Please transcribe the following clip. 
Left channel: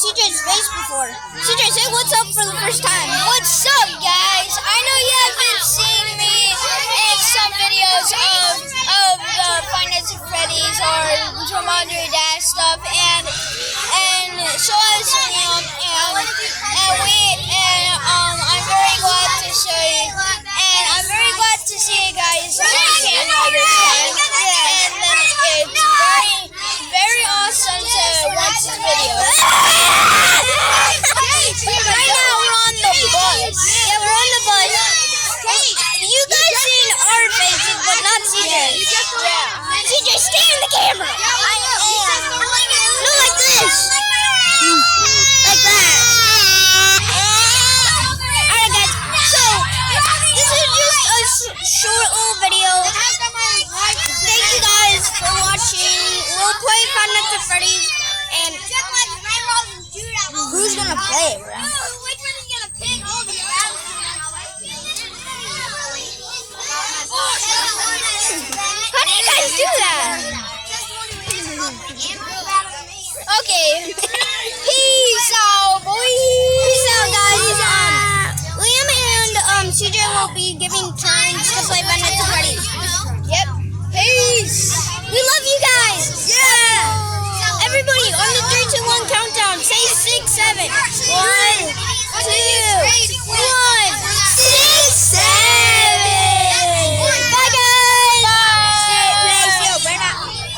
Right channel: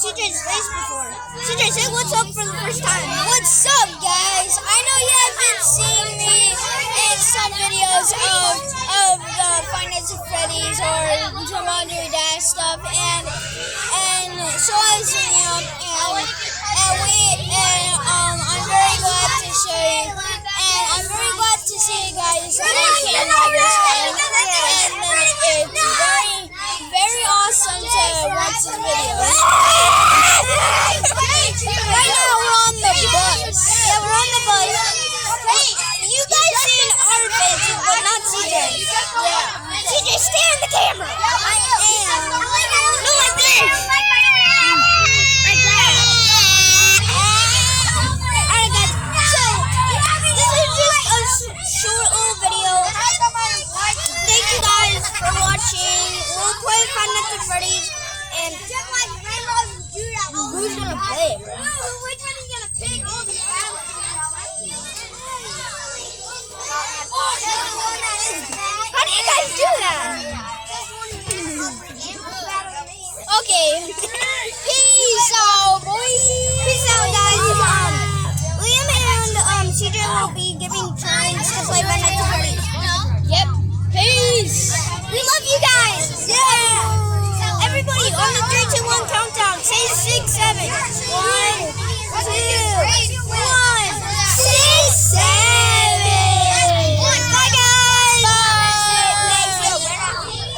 CJ's face before. CJ, say what's up for the first time. What's up, guys? I know you haven't seen me in some videos of the Five Nights at Freddy's or some Andre Dash stuff, and so I was, I'm very glad to show you, and I'm very glad to see you guys on camera this time, and it's very awesome to watch this video. Right now we're on the bus. Yeah, we're on the bus. Hey, you guys seen our faces, but not CJ's. Yeah. CJ, stay in the camera. I am. No, like this. Like that. Alright, guys. So, this is just a short little video. Thank you guys for watching. We'll play Five Nights at Freddy's. And who's gonna play it, bro? How do you guys do that? Okay. Peace out, boys. Peace out, guys. Liam and CJ will be giving turns to play Five Nights